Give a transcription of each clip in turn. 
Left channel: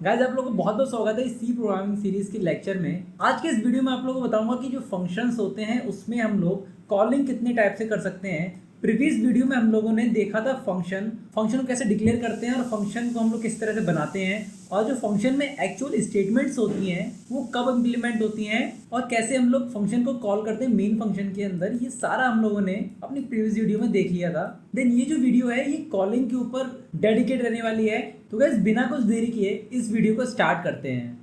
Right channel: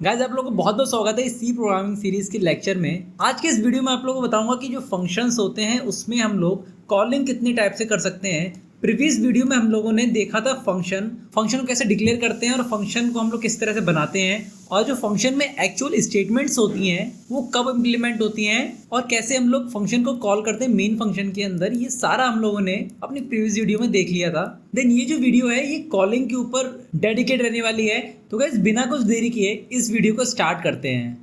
Guys आप लोगों को बहुत बहुत स्वागत है इस सी प्रोग्रामिंग सीरीज के लेक्चर में। आज के इस वीडियो में आप लोगों को बताऊंगा कि जो फंक्शंस होते हैं उसमें हम लोग कॉलिंग कितने टाइप से कर सकते हैं। प्रीवियस वीडियो में हम लोगों ने देखा था फंक्शन फंक्शन को कैसे डिक्लेयर करते हैं और फंक्शन को हम लोग किस तरह से बनाते हैं, और जो फंक्शन में एक्चुअल स्टेटमेंट्स होती हैं वो कब इम्प्लीमेंट होती हैं और कैसे हम लोग फंक्शन को कॉल करते हैं मेन फंक्शन के अंदर। ये सारा हम लोगों ने अपनी प्रीवियस वीडियो में देख लिया था। देन ये जो वीडियो है ये कॉलिंग के ऊपर डेडिकेट रहने वाली है। तो गाइस बिना कुछ देरी किए इस वीडियो को स्टार्ट करते हैं।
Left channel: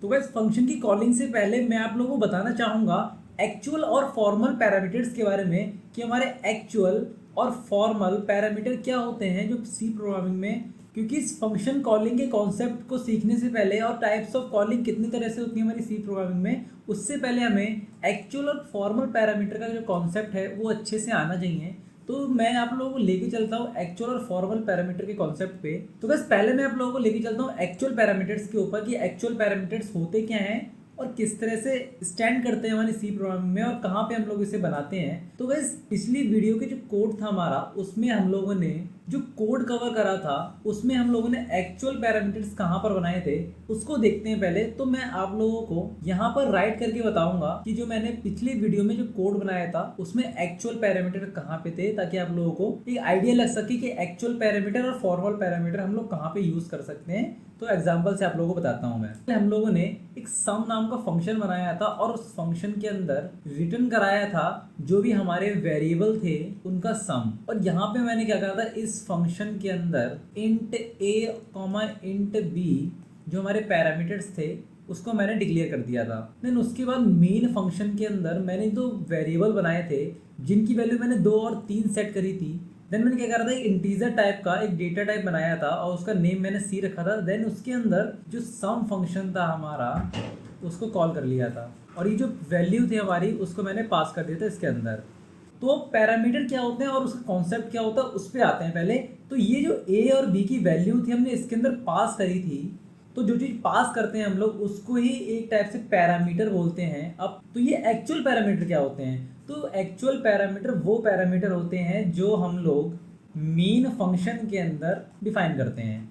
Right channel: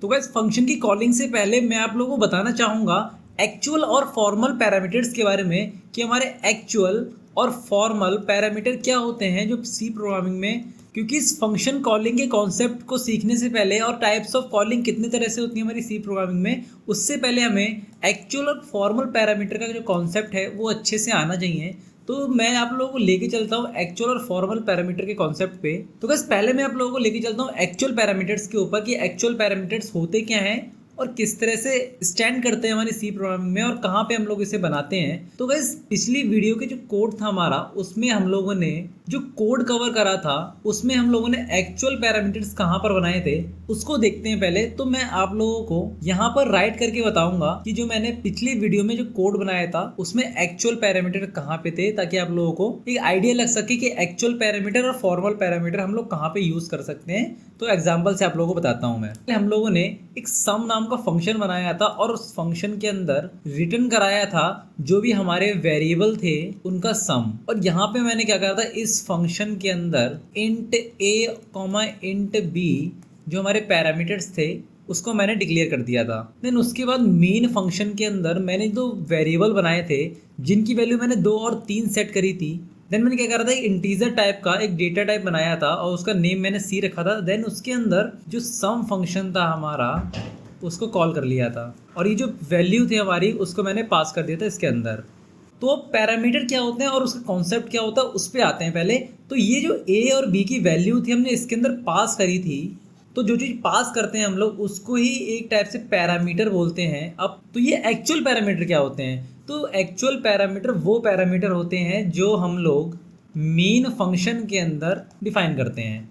तो गाइस फंक्शन की कॉलिंग से पहले मैं आप लोगों को बताना चाहूँगा एक्चुअल और फॉर्मल पैरामीटर्स के बारे में कि हमारे एक्चुअल और फॉर्मल पैरामीटर क्या होते हैं जो सी प्रोग्रामिंग में। क्योंकि इस फंक्शन कॉलिंग के कॉन्सेप्ट को सीखने से पहले और टाइप्स ऑफ कॉलिंग कितनी तरह से होती है हमारी सी प्रोग्रामिंग में, उससे पहले हमें एक्चुअल और फॉर्मल पैरामीटर का जो कॉन्सेप्ट है वो अच्छे से आना चाहिए। तो मैं आप लोगों को लेके चलता हूँ एक्चुअल और फॉर्मल पैरामीटर के कॉन्सेप्ट पे। तो बस पहले मैं आप लोगों को लेके चलता हूँ एक्चुअल पैरामीटर्स के ऊपर कि एक्चुअल पैरामीटर्स होते क्या हैं और किस तरह से स्टैंड करते हैं हमारी सी प्रोग्रामिंग में और कहाँ पे हम लोग इसे बनाते हैं। तो गाइस पिछली वीडियो के जो कोड था हमारा उसमें हम लोगों ने जो कोड कवर करा था उसमें हम लोगों ने एक्चुअल पैरामीटर्स कहाँ पर बनाए थे उसको देखते हैं पहले। तो मैं आप लोगों को यहाँ पर राइट करके बताऊंगा कि जो मैंने पिछली वीडियो में जो कोड बनाया था उसमें एक्चुअल पैरामीटर कहाँ पे थे, ताकि आप लोगों को एक आइडिया लग सके कि एक्चुअल पैरामीटर और फॉर्मल पैरामीटर हम लोग कहाँ पे यूज कर सकते हैं। तो एग्जाम्पल से आप लोगों को बताता हूँ मैं। हम लोगों ने एक सम नाम का फंक्शन बनाया था और उस फंक्शन के अंदर रिटर्न कराया था जो भी हमारे वेरिएबल थे उनका सम। और यहाँ पे मैंने क्या करा था, इस फंक्शन के अंदर इंट a इंट b जो हमारे पैरामीटर्स थे उसको मैंने डिक्लेयर कर दिया था। देन उसके बाद मेन फंक्शन के अंदर मैंने दो वेरिएबल बनाए थे जिनकी वैल्यू मैंने 2 और 3 सेट करी थी। देन मैंने क्या करा था, इंटीजर टाइप का एक डेटा टाइप बनाया था और उसका नेम मैंने सी रखा था। देन उसके अंदर जो सम फंक्शन था हमारा उसको कॉल कर लिया था और ये जो वैल्यू थी हमारी उसको मैंने पास कर दिया था इसके अंदर। तो पैरामीटर क्या होते हैं और उसका कॉन्सेप्ट क्या होता है उस पर आते हैं पहले। तो ये जो ए और बी की वैल्यू थी हमने इसके अंदर पास करी थी। तो जो चीज़ पास करते हैं हम लोग उसको ही एक टाइप से पैरामीटर बोलते हैं। अब तो ये एक्चुअल पैरामीटर क्या होते हैं, तो एक्चुअल पैरामीटर वो पैरामीटर होते हैं जो हम लोग मेन फंक्शन के अंदर डिफाइन करते हैं।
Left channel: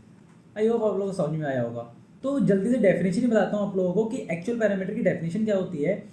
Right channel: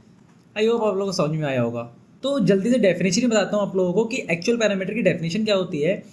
आई होप आप लोगों को समझ में आया होगा। तो जल्दी से डेफिनेशन बताता हूँ आप लोगों को कि एक्चुअल पैरामीटर की डेफिनेशन क्या होती है।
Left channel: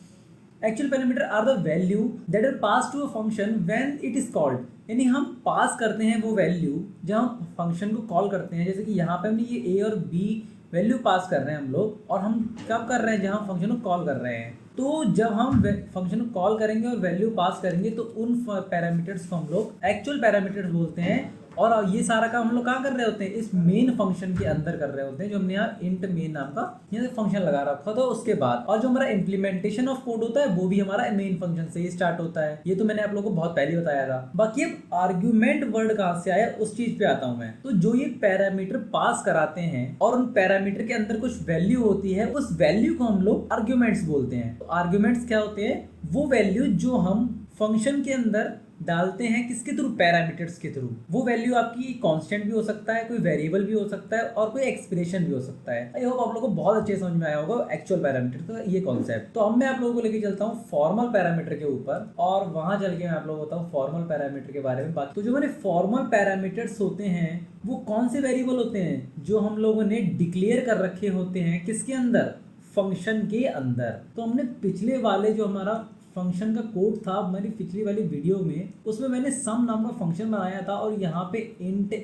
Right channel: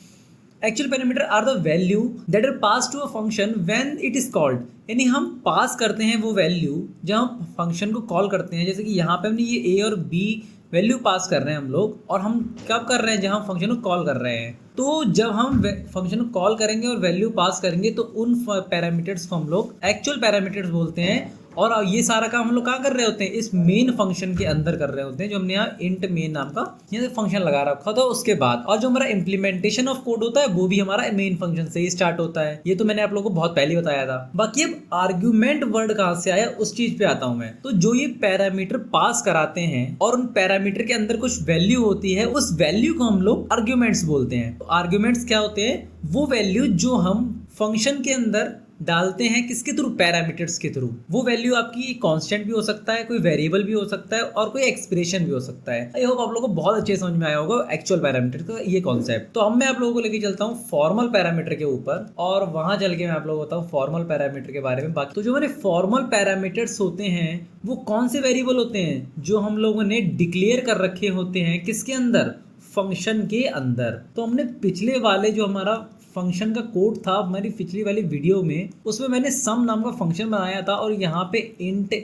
Actual parameter are the value that are pass to a function when it is called. यानी हम पास करते हैं वो वैल्यू जब हम फंक्शन को कॉल करते हैं। जैसे कि यहाँ पे हमने ये ए और बी वैल्यू पास कर रहे हैं हम लोग, और हम कब कर रहे हैं, जब हम फंक्शन को कॉल कर रहे हैं। तो जब हम फंक्शन को कॉल करेंगे और वैल्यू पास करेंगे तो उन पैरामीटर्स को हम लोग एक्चुअल पैरामीटर्स बोलते हैं। और ये सारा काम हम लोग कहाँ कर रहे होते हैं, इस मेन फंक्शन के अंदर कर रहे होते हैं जो हमने यहाँ इंट मेन नाम का यहाँ फंक्शन लगा रखा था उसके बाद। और जो हमारा इम्प्लीमेंटेशन ऑफ कोड होता है वो भी हमारा मेन फंक्शन से ही स्टार्ट होता है। ये तो मैंने आप लोगों को बहुत पहले बताया था। बाकी अब आर्ग्यूमेंट वर्ड कहाँ से आया उस चीज पे आता हूँ मैं। तो जो ये पैरामीटर पास कराते हैं और उन पैरामीटर के अंदर कुछ वैल्यू होती है, उस वैल्यू को हम लोग आर्ग्यूमेंट्स बोलते हैं। तो आर्ग्यूमेंट्स क्या होते हैं, वो वैल्यू जो हम फंक्शन के अंदर डालते हैं किसके थ्रू, पैरामीटर्स के थ्रू। वो वैल्यू आपकी कांस्टेंट भी हो सकता है, कोई वेरिएबल भी हो सकता है और कोई एक्सप्रेशन भी हो सकता है। आई होप आप लोगों को बहुत अच्छे समझ में आया होगा एक्चुअल पैरामीटर का ये कॉन्सेप्ट। तो अब मैं आप लोगों को लेके चलता हूँ फॉर्मल पैरामीटर के ऊपर और वहां चल के मैं आप लोगों को बताऊँ फॉर्मल पैरामीटर के बारे में। बाकी तो जो हमारे फॉर्मल पैरामीटर्स होते हैं वो कौन से वेरिएबल होते हैं, जो हम लोगों ने डिक्लेयर कर रखे होते हैं किसके अंदर, फंक्शन के अंदर। तो हमने पिछले वाले जो हमारा फंक्शन का कोड था हमारी पिछली वाली वीडियो में, उसमें मैंने सम नाम का फंक्शन बनाया था और यहाँ पे int a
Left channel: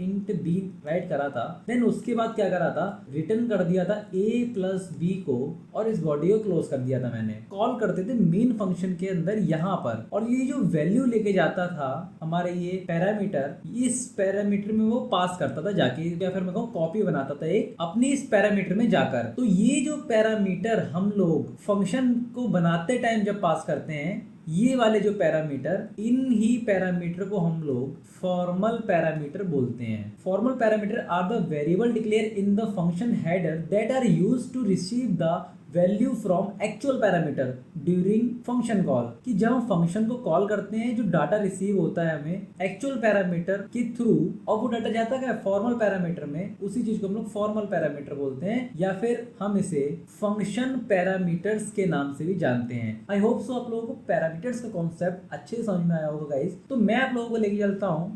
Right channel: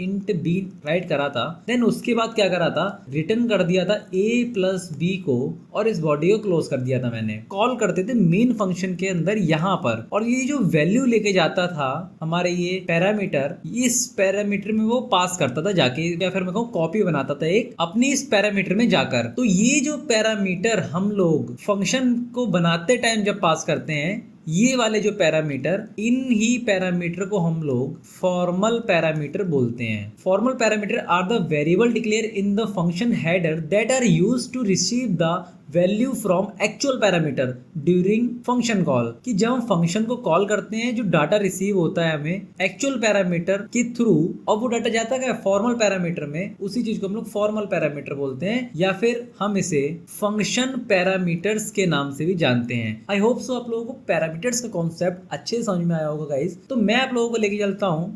int b right करा था। देन उसके बाद क्या करा था, रिटर्न कर दिया था a प्लस b को और इस बॉडी को क्लोज कर दिया था। मैंने कॉल करते थे मेन फंक्शन के अंदर यहाँ पर, और ये जो वैल्यू लेके जाता था हमारे ये पैरामीटर, इस पैरामीटर में वो पास करता था जाके, या फिर मैं कहूँ कॉपी बनाता था एक अपनी इस पैरामीटर में जाकर। तो ये जो पैरामीटर हम लोग फंक्शन को बनाते टाइम जब पास करते हैं, ये वाले जो पैरामीटर, इन ही पैरामीटर को हम लोग फॉर्मल पैरामीटर बोलते हैं। Formal parameter are the variable declare in the function header that are used to receive the value from actual parameter during function call. कि जब हम फंक्शन को कॉल करते हैं जो डाटा रिसीव होता है हमें एक्चुअल पैरामीटर के थ्रू, और वो डाटा जाता है फॉर्मल पैरामीटर में, उसी चीज को हम लोग फॉर्मल पैरामीटर बोलते हैं, या फिर हम इसे फंक्शन पैरामीटर्स के नाम से भी जानते हैं। आई होप सो आप लोगों को पैरामीटर्स का कॉन्सेप्ट अच्छे से समझ में आया होगा गाइस। तो मैं आप लोगों को लेके चलता हूँ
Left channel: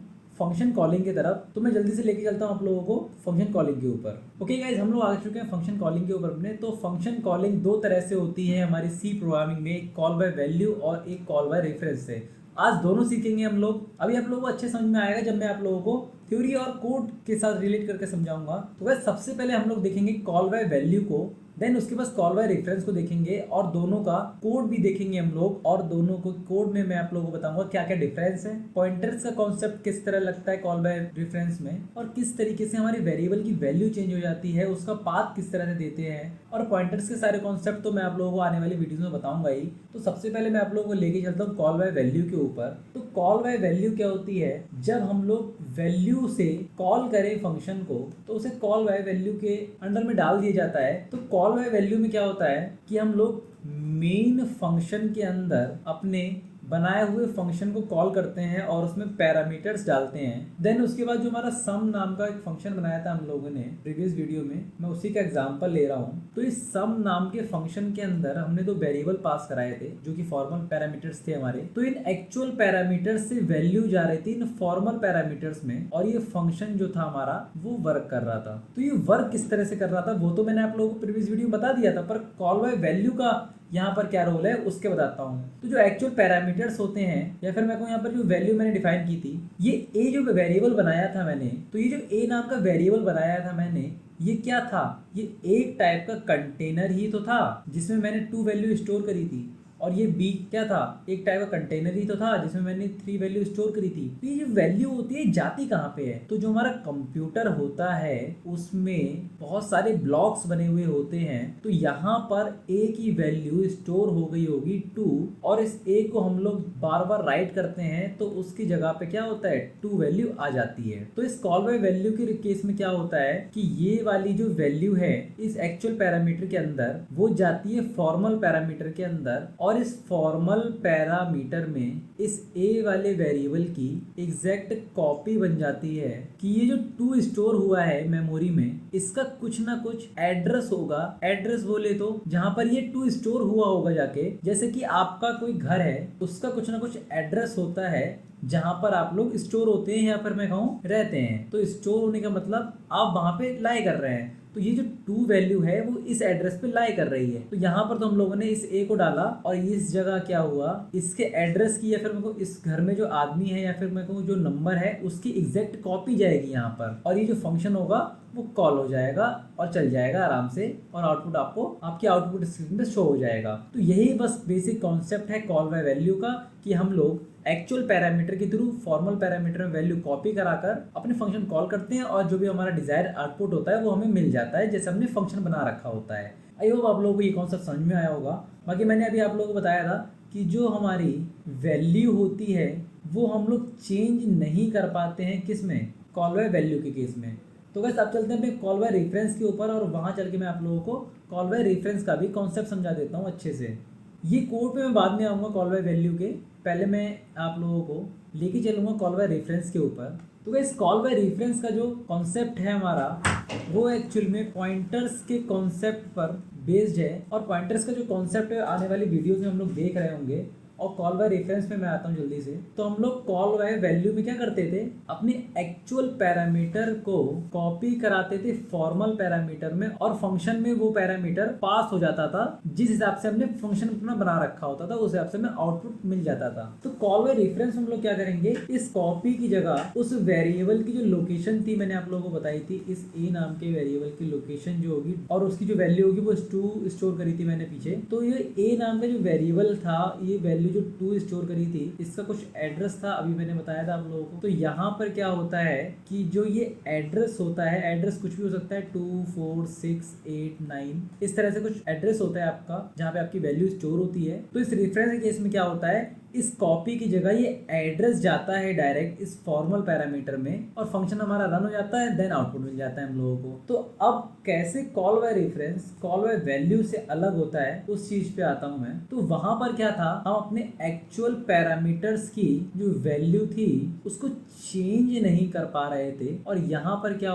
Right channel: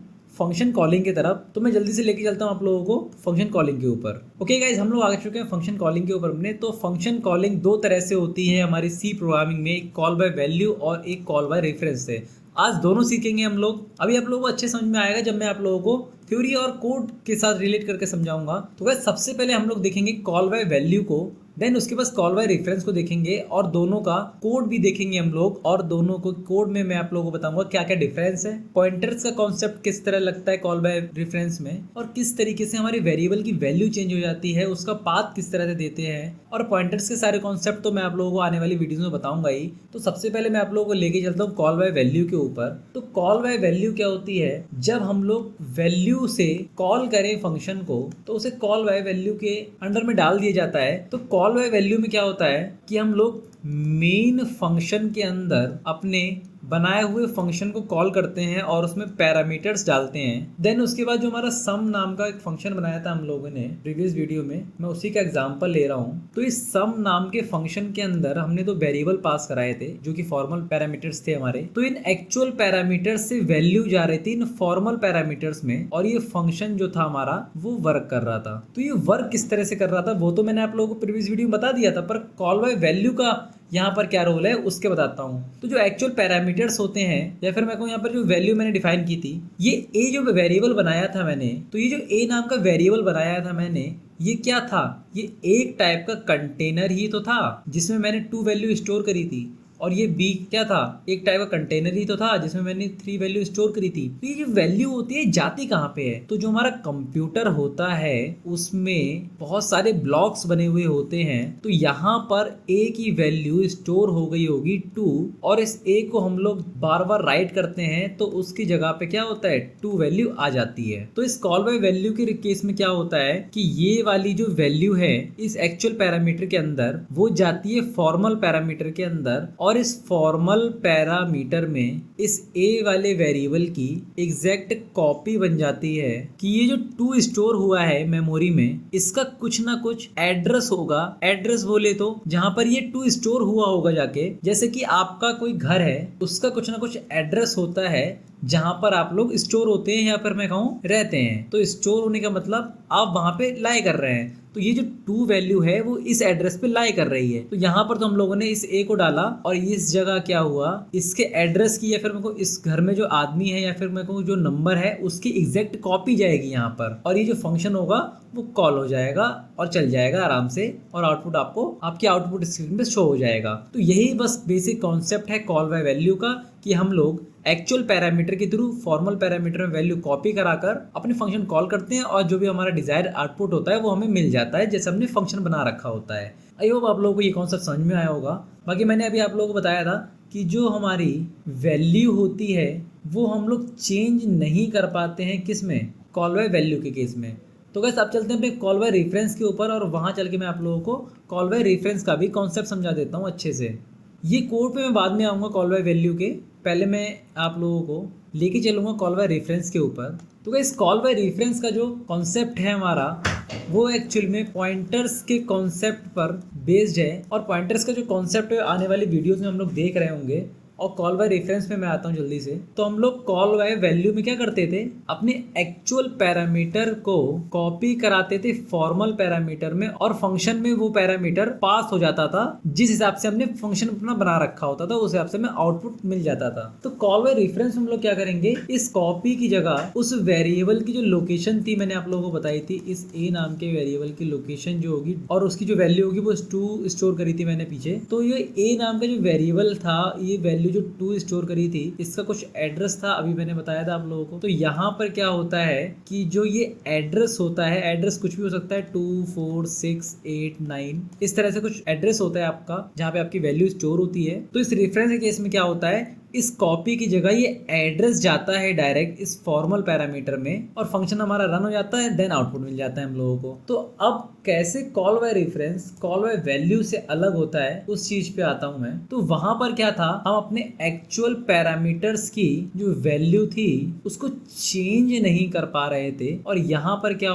फंक्शन कॉलिंग की तरफ। तो मैं जल्दी से लेके चलता हूँ आप लोगों को फंक्शन कॉलिंग के ऊपर। ओके गाइज, हम लोग आ चुके हैं फंक्शन कॉलिंग के ऊपर अपने। तो फंक्शन कॉलिंग दो तरह से होती है हमारी सी प्रोग्रामिंग में, एक कॉल बाय वैल्यू और एक कॉल बाय रेफरेंस से। आज दोनों सीखेंगे हम लोग। अभी आप लोगों को अच्छे समझ में आएगा जब मैं आप लोगों को थ्योरी और कोड के साथ रिलेट करके समझाऊंगा। तो गाइस सबसे पहले हम लोग देखेंगे कॉल बाय वैल्यू को, देन उसके बाद कॉल बाय रेफरेंस को देखेंगे और दोनों का कोड भी देखेंगे हम लोग। और दोनों को कोड में मैं आप लोगों को बताऊंगा क्या क्या डिफरेंस है, पॉइंटर्स का कॉन्सेप्ट किस तरह लगता है कॉल बाय रेफरेंस में, और किस तरीके से हमारे वेरिएबल की वैल्यू चेंज हो जाती है, उसका पाथ किस तरह से देते हैं। और पॉइंटर्स के सारे कॉन्सेप्ट तो मैं आप लोगों को आने वाली वीडियोस में बताऊंगा ही। तो सबसे पहले मैं आप लोगों को लेके चलता हूँ कॉल बाय वैल्यू के ऊपर। तो कॉल बाय वैल्यू क्या होती है? जब हम लोग वैल्यू से कॉल करें फंक्शन को तो उसे कॉल बाय वैल्यू के अंडर में डाल दिया जाता है। तो कॉल बाय वैल्यू में क्या होता है कि हम लोग मेन फंक्शन के अंदर अपने बनाए हुए फंक्शन को कॉल करते हैं और उसमें पैरामीटर्स डालते हैं। देन उसके बाद जो हमारा सम नाम का एक फंक्शन बनाया था हम लोगों ने प्रीवियस वीडियो में, मैं उसी का एग्जांपल ले रहा हूँ। तो इस सम नाम के फंक्शन के अंदर हमने दो वेरिएबल पास कराए थे जो कि फॉर्मल पैरामीटर्स थे हमारे। तो इन एक्चुअल पैरामीटर्स से वैल्यू जा रही थी इन फॉर्मल पैरामीटर्स में, और ये फंक्शन जो था हमारा वो वर्क कर रहा था। तो ये वर्क किस तरह से कर रहा था वो तो मैंने आप लोगों को प्रीवियस वीडियो में बता दिया था, पर कॉल बाय वैल्यू का यहाँ पर क्या रोल है उसके बताता हूँ। तो जो एक्चुअल पैरामीटर्स होते हैं, या फिर मैं कहूँ यहाँ पर जो वैल्यू मैंने डिफाइन की थी, ये ए जो वेरिएबल बनाया था मैंने, तो ये जो ए नाम का वेरिएबल बनाया था मैंने, ये क्या था? ये एक टाइप का कंटेनर ही तो था जिसमें मैंने 2 वैल्यू स्टोर करी थी। और ये बी क्या था? एक टाइप का कंटेनर ही तो था जिसमें मैंने 3 वैल्यू स्टोर करी थी। तो ये जो वैल्यू होती है जाती कहाँ पे है? तो जो हमारा कंप्यूटर होता है उसमें बहुत सारे ब्लॉक्स बने हुए होते हैं। तो यहाँ पर ए की वैल्यू स्टोर हो गई होगी 2, और इस ए को हम लोग बार बार राइट करते हैं तो उसकी जगह पे क्या होता है? 2 वैल्यू आ जाती है। तो इस कॉल बाय वैल्यू के केस में क्या होता है कि ये वाली जो वैल्यू है इस एक्चुअल पैरामीटर के अंदर वो जाती है फॉर्मल पैरामीटर के अंदर, और इस फॉर्मल पैरामीटर में इस ए वाले वेरिएबल की एग्जैक्ट कॉपी बन जाती है कि ये जो 2 स्टोर हुआ है मेमोरी में, इसका कुछ ना कुछ एड्रेस होगा। एड्रेस बोले तो जहां पर ये 2 स्टोर हुआ होगा जाके, जैसे कि आपका कोई घर है उसका कुछ ना कुछ एड्रेस होता है जहां पर आप लोग स्टोर होते हैं या फिर मैं कहूँ रहते हैं। तो स्टोर होने का मतलब आप वहां पे लाई कर रहे हैं। तो ये जो 2 वैल्यू है वो इस एड्रेस पे लाई कर रही है। तो यहाँ पर तो हम लोगों ने इस ए को डाला और इस जगह क्या हुआ, इसके एड्रेस की या फिर मेरे को इस घर में जो आदमी है या फिर मैं कहूँ जो नंबर है उसकी एग्जैक्ट कॉपी जाएगी यहाँ पर, और ये जो फंक्शन होगा वो कॉल हो जाएगा और चल जाएगा आराम से, और आउटपुट आपको आपके आउटपुट स्क्रीन पे शो हो जाएगा। तो यही बस बेसिक कॉन्सेप्ट है कॉल बाय वैल्यू का, कि हम लोग एक्चुअल पैरामीटर के थ्रू फॉर्मल पैरामीटर में वैल्यू कॉपी कराकर अपने फंक्शन कॉल करते हैं, और जो भी हमारा डिजायर्ड आउटपुट होता है वो हमें मिल जाता है जैसे हमने फंक्शन बना रखा होता है। आई होप आप लोगों को ये कॉन्सेप्ट समझ में आया होगा। बाकी मैंने अभी आप लोगों को बताया था कि जो हमारी वैल्यू होती है वो हम लोग चेंज नहीं कर पाते हैं किस में? कॉल बाय वैल्यू के केस में। तो गाइस अब चलते हैं अपने कॉल बाय रेफरेंस के ऊपर, और वहाँ चल के मैं आप लोगों को कॉल बाय रेफरेंस का भी कॉन्सेप्ट समझा देता हूँ अच्छे से। ये कोड पे मैं बाद में आऊँगा कॉल बाय वैल्यू के, पहले मैं आप लोगों को लेके चलूँगा कॉल बाय रेफरेंस के ऊपर। तो गाइस कॉल बाय रेफरेंस का जो कॉन्सेप्ट है हमारा वो एक्चुअल में पॉइंटर्स के कॉन्सेप्ट पर बेस्ड है, और पॉइंटर्स का जो कॉन्सेप्ट है आने वाली वीडियोस में हम लोग देख रहे होंगे। और कॉल बाय रेफरेंस में मैं आता हूँ जल्दी से। तो हम लोग कॉल बाय वैल्यू में क्या करते थे, अपने एक्चुअल पैरामीटर को कॉपी कराते थे फॉर्मल पैरामीटर में, और फंक्शन में वो पैरामीटर पास हो जाता था जिस हिसाब से हमने फंक्शन अपना बना रखा होता था, उस हिसाब से हमें आउटपुट मिल जाता था। तो कॉल बाय रेफरेंस हम लोग क्या करेंगे, इस कॉपी की जगह उस वेरिएबल की जो लोकेशन थी मैंने आप लोगों को बताई थी, इस ए नाम के वेरिएबल की लोकेशन जो होगी और उसकी जो वैल्यू होगी वो 2 स्टोर करी थी मैंने पीछे। तो ये ए नाम का जो वेरिएबल था, ये वैल्यू जो 2 स्टोर करी थी, इसका कुछ एड्रेस था, अभी मैंने बताया था आप लोगों को। तो यहाँ पर क्या होता है कि जो ये एड्रेस होता है, एड्रेस कुछ भी हो सकता है, 2 4 6 8 9 इस तरह से कुछ एड्रेस होता है आपका जहाँ पे आपकी वैल्यू स्टोर होती है। तो इस रेफरेंस के केस में क्या होता है, इस कॉपी की जगह ये एड्रेस जाता है डायरेक्ट इस फॉर्मल पैरामीटर में, और फंक्शन हमारा रन हो जाता है, देन आउटपुट मिल जाता है हम लोगों को। तो अब कैसे call by reference call by value से अलग होता है उस चीज पे आता हूं मैं। तो वहां पर क्या था, हम अपने एक्चुअल पैरामीटर्स की जो वैल्यू थी उसको चेंज नहीं कर पा रहे थे, और यहाँ पर क्या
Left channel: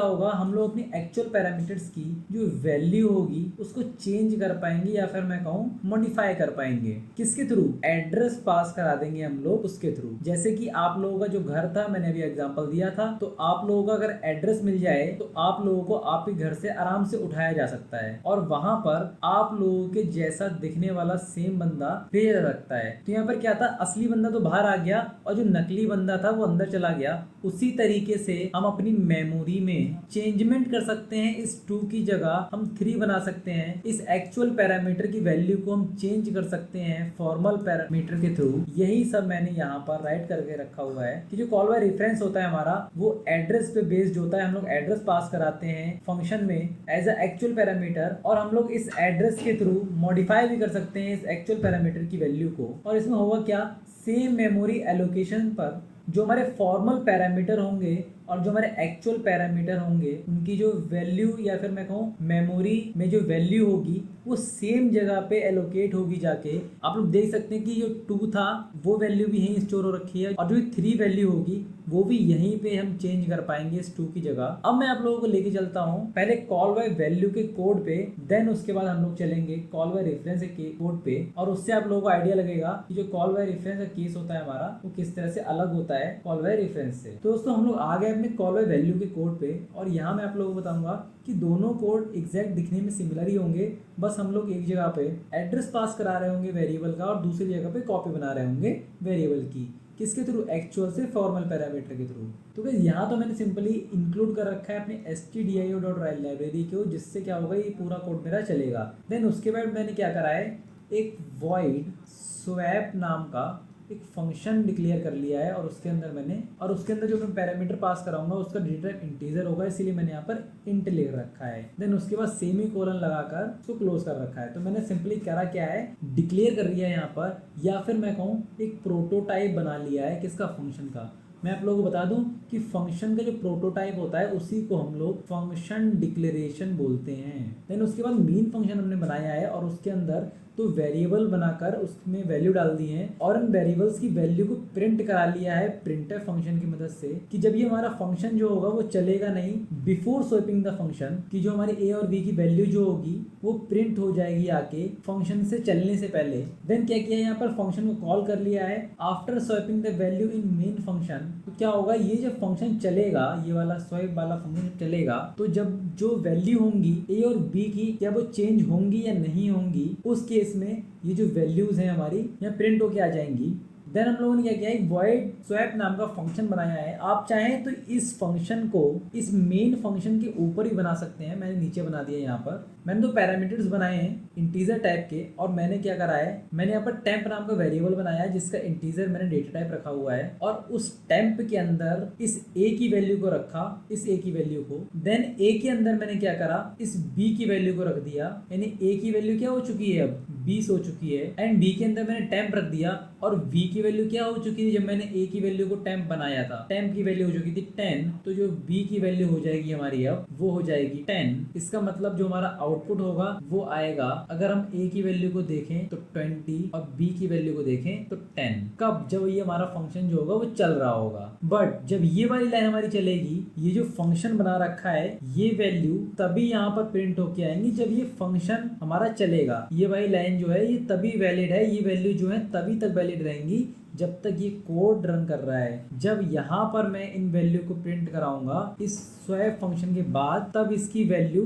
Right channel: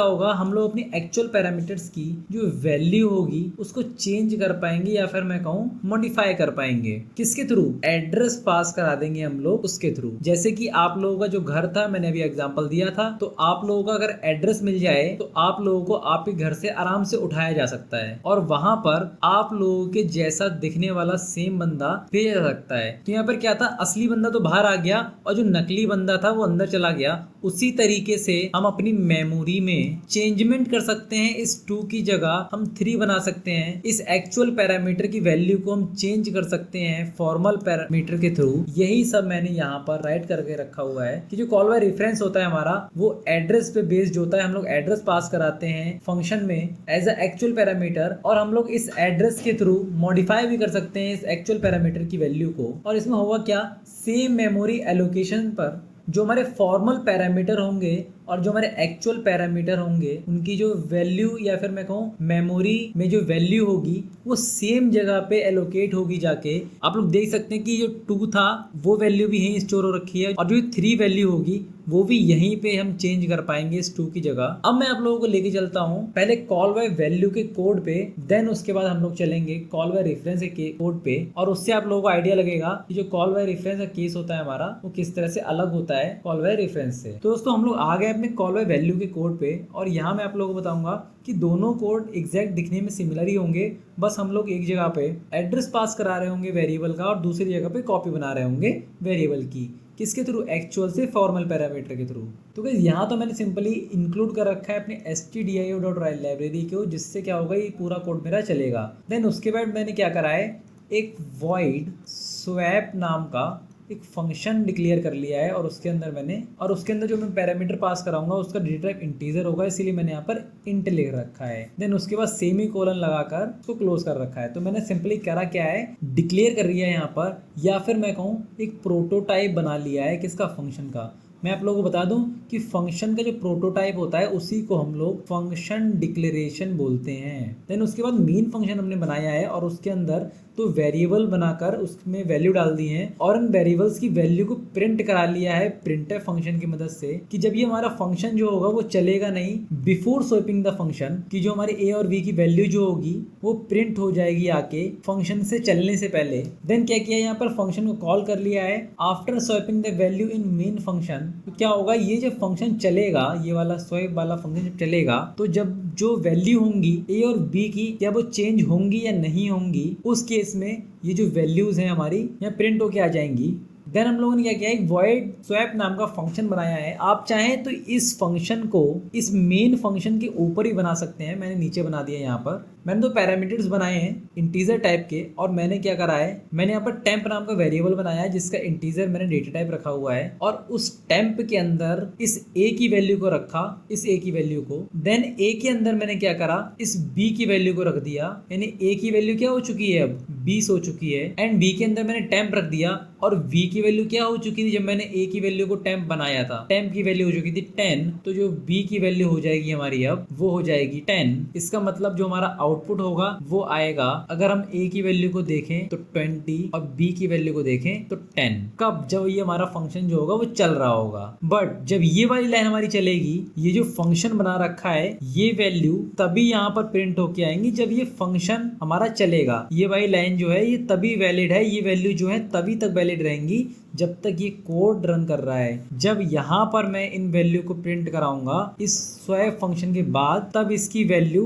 होगा, हम लोग अपनी एक्चुअल पैरामीटर्स की जो वैल्यू होगी उसको चेंज कर पाएंगे, या फिर मैं कहूँ मॉडिफाई कर पाएंगे। किसके थ्रू? एड्रेस पास करा देंगे हम लोग उसके थ्रू। जैसे कि आप लोगों का जो घर था, मैंने अभी एग्जांपल दिया था, तो आप लोगों का अगर एड्रेस मिल जाए तो आप लोगों को आप ही घर से आराम से उठाया जा सकता है और वहां पर आप लोगों के जैसा दिखने वाला सेम बंदा भेजा जा सकता है। तो यहाँ पर क्या था, असली बंदा तो बाहर आ गया और जो नकली बंदा था वो अंदर चला गया। उसी तरीके से हम अपनी मेमोरी में चेंजमेंट कर सकते हैं। इस 2 की जगह हम 3 बना सकते हैं। इस एक्चुअल पैरामीटर की वैल्यू को हम चेंज कर सकते हैं फॉर्मल पैरामीटर के थ्रू। यही सब मैंने यहाँ पर राइट करके रखा हुआ है कि जो कॉल बाय रेफरेंस होता है हमारा, वो एड्रेस पे बेस्ड होता है। हम लोग एड्रेस पास कराते हैं फंक्शन में एज अ एक्चुअल पैरामीटर, और हम लोग इस एड्रेस के थ्रू मॉडिफाई भी कर सकते हैं इस एक्चुअल पैरामीटर की वैल्यू को। और इसमें होगा क्या, सेम मेमोरी एलोकेशन पर जो हमारे फॉर्मल पैरामीटर होंगे और जो हमारे एक्चुअल पैरामीटर होंगे, उनकी जो वैल्यू या फिर मैं कहूँ मेमोरी में जो वैल्यू होगी वो सेम जगह पे एलोकेट होगी जाके। आप लोग देख सकते हैं कि जो 2 था वो वैल्यू भी यहीं स्टोर हो रखी है और जो 3 वैल्यू होगी वो भी यहीं पे हम चेंज कर पाएंगे इस 2 की जगह। अब मैं आप लोगों को लेके चलता हूँ पहले कॉल बाय वैल्यू के कोड पे, देन उसके बाद हम लोग चलेंगे कॉल बाय रेफरेंस के कोड पे, और उससे आप लोगों को आइडिया लगेगा कि जो कॉल बाय रेफरेंस का केस होता है हमारा, वो किस तरह से अलग होता है कॉल बाय रेफरेंस से। तो दोस्तों हम लोग आ गए अपने कॉल बाय वैल्यू के कोड पे, और यहाँ मैं आप लोगों को बताऊंगा कि दोनों कोड एग्जैक्ट दिखने में सिमिलर ही होंगे। बस हम लोग एक जगह पे एड्रेस पास करा रहे होंगे वेरिएबल का और दूसरी जगह पे कॉपी बना रहे होंगे वेरिएबल की। किसके थ्रू, एक्चुअल से फॉर्मल पैरामीटर के थ्रू। तो गाइस यहाँ तो मैंने सिंपली इंक्लूड कर रखा है अपने stdio.while लाइब्रेरी को, जिससे क्या होगा, ये पूरा कोड मेरा चलेगा। देन उसके बाद मैंने क्या करा है, एक void swap नाम का एक फंक्शन डिक्लेयर कर लिया है, और उसके अंदर जो मैं पैरामीटर पास कराऊंगा उसका डेटा टाइप इंटीजर होगा, इसीलिए मैंने यहाँ पर इंट लिख रखा है। देन उसके बाद सेमी कोलन लगाकर उसको क्लोज कर रखा है। तो मैंने सिंपली करा क्या है, डिक्लेयर कर लिया है यहाँ पर, या फिर मैं कहूँ एक प्रोटोटाइप बना लिया है किसका, फंक्शन का। मैं आप लोगों को बता दूं कि फंक्शन का जो प्रोटोटाइप होता है उसी को हम लोग फंक्शन डिक्लेरेशन बोलते हैं। देन उसके बाद मेन फंक्शन हमने बनाया है और उसके अंदर तो वेरिएबल बनाकर उसमें वैल्यू डाल दी है, और उन वेरिएबल्स की वैल्यू को प्रिंट करा लिया है प्रिंटफ फंक्शन की मदद से, कि जब ये हमारा फंक्शन जो होगा वो चलेगा नहीं बिफोर स्वीपिंग द फंक्शन, कि जो हमारे ए और बी की वैल्यू जो होगी वो प्रिंट हो जाएगी आके फंक्शन से चलने से पहले। देन क्या किया, यहाँ पर फंक्शन को कॉल कर लिया है after sweeping the value in main function. तो क्या होगा, ये जब फंक्शन चलेगा, ये वाला स्वीप वाला फंक्शन जब चलेगा, तो जब जो वैल्यू होंगी ए और बी की, क्या वो चेंज होंगी या नहीं होंगी, उस केस में ये जो वैल्यूज हैं हमारी यहाँ प्रिंट होके आ जाएंगी। देन हम लोगों ने क्या किया, एक void swap नाम का फंक्शन बनाया है। आप चाहें तो इस फंक्शन को इस मेन फंक्शन के ऊपर ही बना सकते हैं, मैंने नीचे बना दिया। यहाँ पर मैंने दो पैरामीटर्स बनाए हैं इंटीजर टाइप के, और मैंने क्या करा है, मैंने यहाँ पर टेम्प नाम का वेरिएबल बनाया है जिसका इंटीजर मैंने डेटा टाइप रखा हुआ है, और उस टेम्प के अंदर इस a की वैल्यू को रखा, इस a की वैल्यू को। देन a के अंदर मैंने क्या करा, इस b की वैल्यू को रख दिया, यानी a की वैल्यू क्या हो चुकी है, अब 20 हो चुकी है, एंड b के अंदर मैंने टेम्प रख दिया, और v की वैल्यू क्या हो चुकी थी जब मैंने a की वैल्यू को टेम्प बनाया था, टेम्प की वैल्यू हो चुकी थी 10, तो जो b की वैल्यू हो जाएगी हमारी अब वो हो जाएगी 10। इसका मतलब जो हमारा आउटपुट होगा वो आएगा, अगर हम a की वैल्यू को देखें तो 20 और b की वैल्यू को देखें तो 10। कब, जब ये हमारा फंक्शन जो होगा वो चल रहा होगा। बट जब ये वाली लाइन हमारी चलेगी, ये जो फंक्शन बना रखा है, ये वैल्यू तभी यहाँ पर प्रिंट होके आएंगी जब ये फंक्शन हमारा चलेगा। ये वाली लाइन जो है ये तभी वैलिड है, ये वैल्यू जो है तभी तक वैलिड रहेंगी जब तक ये कोड रन कर रहा है। जब यहाँ पर मैं इन वैल्यू को प्रिंट कराऊंगा इस स्वैप फंक्शन के बाद, तब इसकी वैल्यू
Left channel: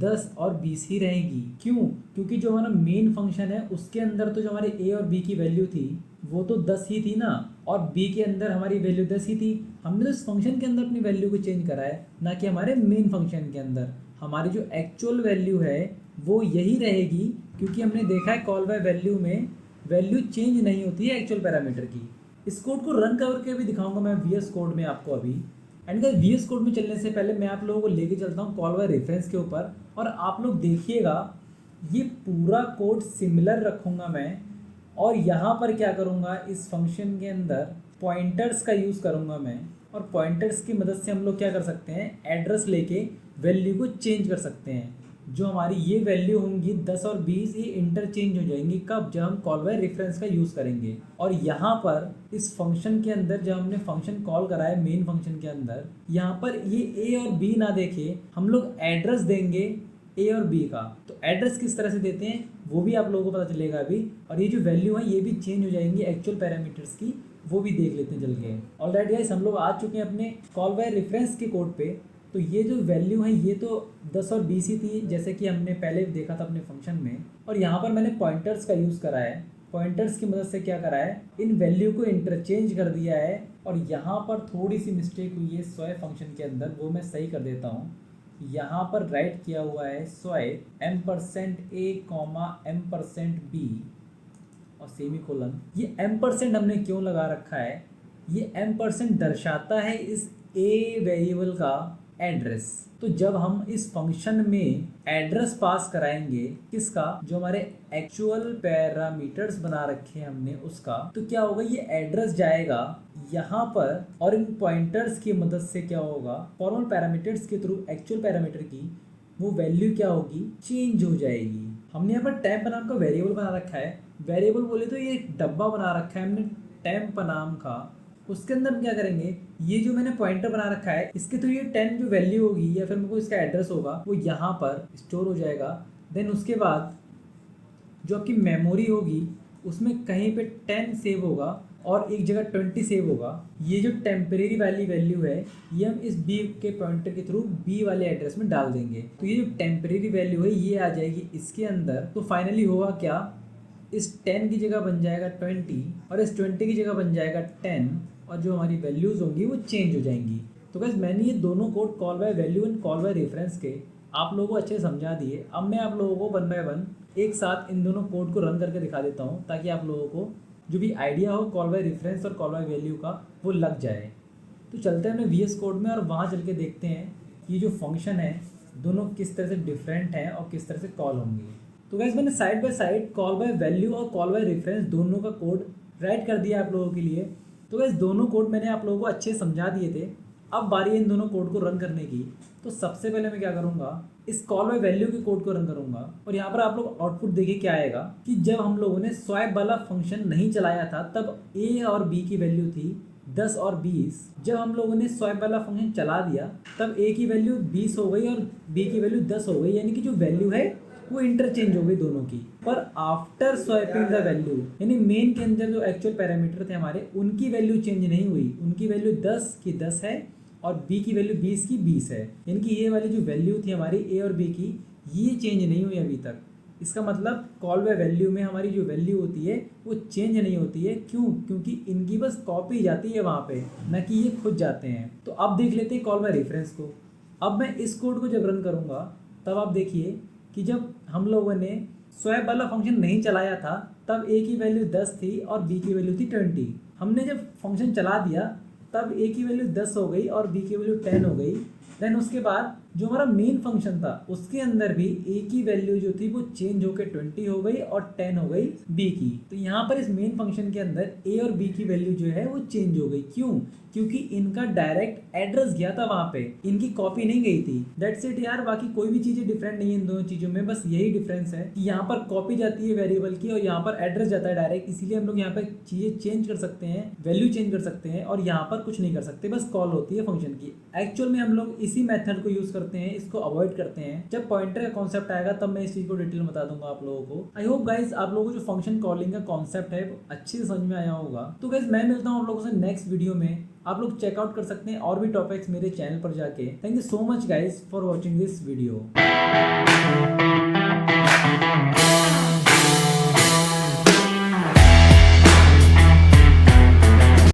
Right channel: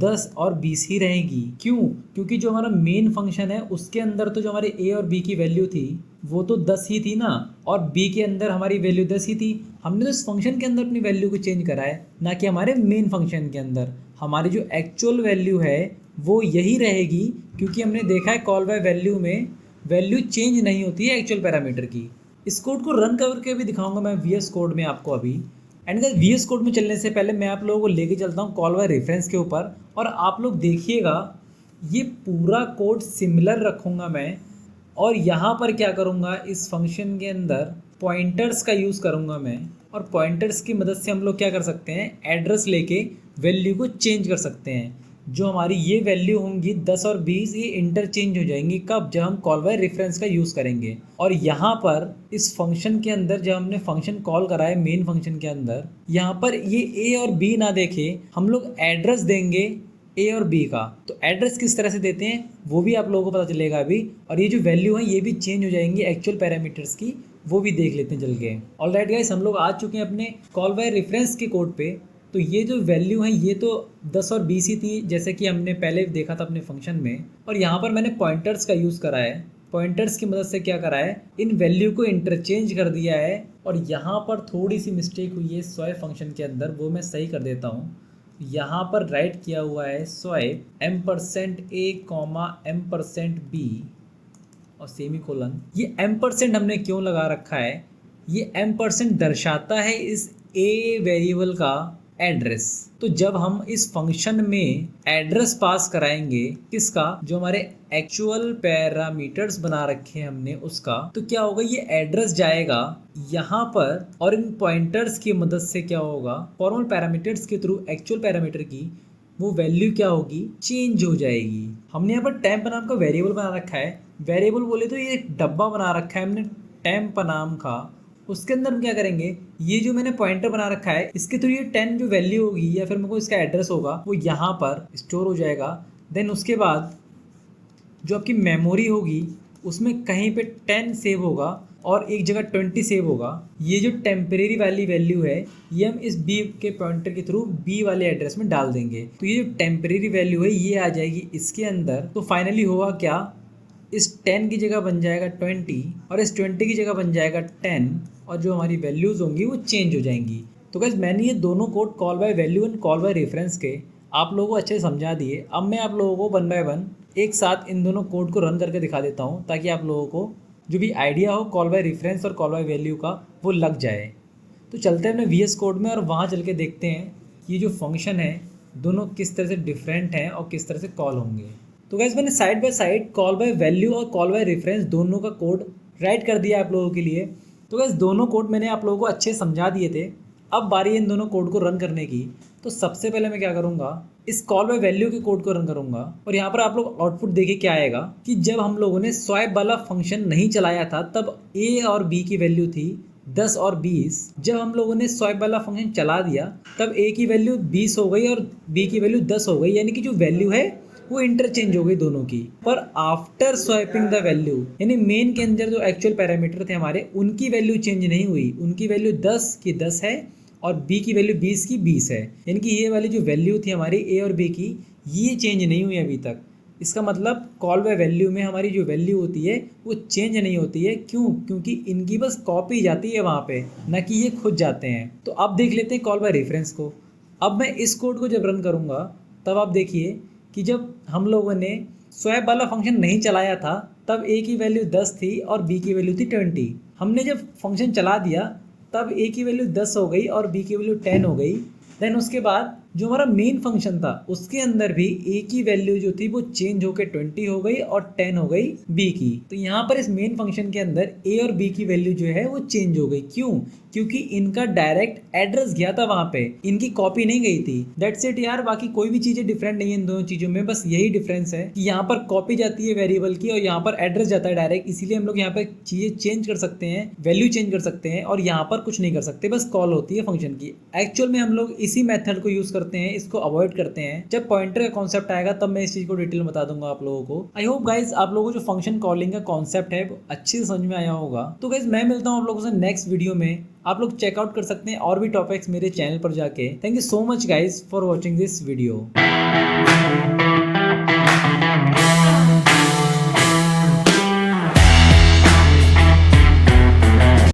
10 और 20 ही रहेगी। क्यों? क्योंकि जो हमारा मेन फंक्शन है उसके अंदर तो जो हमारे a और b की वैल्यू थी वो तो 10 ही थी ना, और b के अंदर हमारी वैल्यू 10 ही थी। हमने तो इस फंक्शन के अंदर अपनी वैल्यू को चेंज करा है, ना कि हमारे मेन फंक्शन के अंदर। हमारी जो एक्चुअल वैल्यू है वो यही रहेगी, क्योंकि हमने देखा है कॉल बाय वैल्यू में वैल्यू चेंज नहीं होती है एक्चुअल पैरामीटर की। इस कोड को रन करके भी दिखाऊंगा मैं VS कोड में आपको अभी। एंड VS कोड में चलने से पहले मैं आप लोगों को लेके चलता हूँ कॉल बाय रेफरेंस के ऊपर, और आप लोग देखिएगा ये पूरा कोड सिमिलर रखूँगा मैं। और यहाँ पर क्या करूँगा, इस फंक्शन के अंदर पॉइंटर्स का यूज़ करूँगा मैं, और पॉइंटर्स की मदद से हम लोग क्या कर सकते हैं, एड्रेस लेके वैल्यू को चेंज कर सकते हैं। जो हमारी ये वैल्यू होंगी 10 और 20, ये इंटरचेंज हो जाएंगी। कब? जब हम कॉल बाय रेफरेंस का यूज़ करेंगे। और यहाँ पर इस फंक्शन के अंदर जब हमने फंक्शन कॉल करा है मेन फंक्शन के अंदर, यहाँ पर ये a और b ना देखे, हम लोग एड्रेस देंगे ए और बी का। तो एड्रेस किस तरह से देते हैं वो भी आप लोगों को पता चलेगा अभी, और ये जो वैल्यू है ये भी चेंज हो जाएंगी एक्चुअल पैरामीटर्स की, वो भी देख लेते हैं चल के। ऑलराइट गाइस, हम लोग आ चुके हैं अपने कॉल बाय रेफरेंस के कोड पे। तो ये जो वैल्यू है ये तो 10 और 20 ही थी, जैसे कि हमने पहले देखा था अपने फंक्शन में। और यहाँ पर मैंने पॉइंटर्स का यूज़ करा है। पॉइंटर्स की मदद से क्या करा है, इन वैल्यू को इंटरचेंज कर दिया है। और यहाँ पर थोड़ी सी मिस्टेक हुई है स्वाइप फंक्शन के अंदर, वो मैं सही कर देता हूँ। यहाँ पर राइट किया हुआ है स्वाइप m%a, m%b और सेमी कोलन। ये m% हमने क्यों लगा रखा है, ये m% दर्शाता है इस a वेरिएबल का एड्रेस। तो जब हम इस फंक्शन में एड्रेस पास कराएंगे किसका, जो हमारे एक्चुअल पैरामीटर्स बना रखे हैं हमने उसका, तो क्या होगा, ये एड्रेस जाएगा यहाँ पर। और इन पॉइंटर्स की मदद से क्या होगा, फॉर्मल पैरामीटर्स के थ्रू एक्चुअल पैरामीटर की वो वैल्यू क्या होगी, चेंज हो जाएगी। हमने यहाँ पर टेम्प नाम का वेरिएबल बना रखा है। वेरिएबल बोले तो ये एक डब्बा बना रखा है हमने टेम्प नाम का। उसके अंदर हम क्या करेंगे, ये जो मैंने पॉइंटर बना रखा है इसके थ्रू ये 10 जो वैल्यू होगी या फिर मेरे को इसका एड्रेस होगा वो यहाँ पर स्टोर हो जाएगा। देन उसके बाद जो आपकी मेमोरी होगी उसमें कहीं पे 10 सेव होगा और एक जगह 20 सेव होगा। ये जो टेम्परेरी वाली वैल्यू है ये हम इस बी के पॉइंटर के थ्रू बी वाले एड्रेस में डाल देंगे। तो ये जो टेम्परेरी वैल्यू है ये आ जाएगी इसके अंदर। तो फाइनली होगा क्या, इस 10 की जगह बन जाएगा 20 और इस 20 की जगह बन जाएगा 10, और जो हमारी वैल्यूज़ होंगी वो चेंज हो जाएंगी। तो गाइस मैंने ये दोनों code call by value and call by reference के आप लोगों को अच्छे से समझा दिए। अब मैं आप लोगों को 1 बाय 1 एक साथ इन दोनों कोड को रन करके दिखा देता हूँ, ताकि आप लोगों को जो भी आइडिया हो कॉल बाय रेफरेंस और कॉल बाय वैल्यू का वो लग जाए। तो चलते हैं अपने VS कोड में और वहाँ चल के देखते हैं ये जो फंक्शन है दोनों किस तरह से डिफरेंट हैं और किस तरह से कॉल होंगे। तो गाइस मैंने side by side call by value और कॉल बाय रेफरेंस दोनों का कोड राइट कर दिया आप लोगों के लिए। तो गाइस दोनों कोड मैंने आप लोगों को अच्छे समझा दिए थे। अब बारी है इन दोनों कोड को रन करने की। तो सबसे पहले मैं क्या करूँगा, इस कॉल बाय वैल्यू के कोड को रन करूँगा और यहाँ पर आप लोग आउटपुट देखिए क्या आएगा कि जब हम लोगों ने स्वाइप वाला फंक्शन नहीं चलाया था तब A और B की वैल्यू थी 10 और 20। जब हम लोगों ने स्वाइप वाला फंक्शन चला दिया तब A की वैल्यू 20 हो गई और B की वैल्यू 10 हो गई, यानी कि जो वैल्यू है वो इंटरचेंज हो गई दोनों की। पर आफ्टर स्वाइपिंग द वैल्यू, यानी मेन के अंदर जो एक्चुअल पैरामीटर थे हमारे उनकी वैल्यू चेंज नहीं हुई। उनकी वैल्यू 10 की 10 है और B की वैल्यू 20 की 20 है, यानी कि ये वाली जो वैल्यू थी हमारी A और B की ये चेंज नहीं हुई अभी तक। इसका मतलब कॉल बाय वैल्यू में हमारी जो वैल्यू होती है वो चेंज नहीं होती है। क्यों? क्योंकि इनकी बस कॉपी जाती है वहाँ पे, ना कि ये खुद जाते हैं। तो अब देख लेते हैं कॉल बाय रेफरेंस को। अब मैं इस कोड को जब रन करूँगा तब आप देखिए कि जब हम लोगों ने स्वैप वाला फंक्शन नहीं चलाया था तब A की वैल्यू 10 थी और B की वैल्यू थी 20। हमने जब फंक्शन चला दिया तब A की वैल्यू 10 हो गई और B की वैल्यू 10 हो गई। देन उसके बाद जो हमारा मेन फंक्शन था उसके अंदर भी A की वैल्यू जो थी वो चेंज होकर 20 हो गई और 10 हो गई B की। तो यहाँ पर इस मेन फंक्शन के अंदर A और B की वैल्यू जो है वो चेंज हो गई। क्यों? क्योंकि इनका डायरेक्ट एड्रेस गया था वहाँ पे, इनकी कॉपी नहीं गई थी। दैट्स इट यार, बाकी कोई भी चीज़ें डिफरेंट नहीं है इन दोनों चीज़ों में, बस यही डिफरेंस है कि यहाँ पर कॉपी जाती है वेरिएबल की और यहाँ पर एड्रेस जाता है डायरेक्ट। इसीलिए हम लोग यहाँ पर चीज़ें चेंज कर सकते हैं, वैल्यू चेंज कर सकते हैं और यहाँ पर कुछ नहीं कर सकते, बस कॉल होती है फंक्शन की। एक्चुअल में हम लोग इसी मेथड को यूज़ करते हैं, इसको अवॉइड करते हैं। जब पॉइंटर का कॉन्सेप्ट आएगा तब मैं इस चीज़ को डिटेल में बता दूंगा आप लोगों को। आई होप गाइज आप लोगों को जो फंक्शन कॉलिंग का कॉन्सेप्ट है वो अच्छे से समझ में आया होगा। तो गाइज मैं मिलता हूँ आप लोगों से नेक्स्ट वीडियो में। आप लोग चेकआउट कर सकते हैं और भी टॉपिक्स मेरे चैनल पर जाके। Thank you so much guys for watching this video.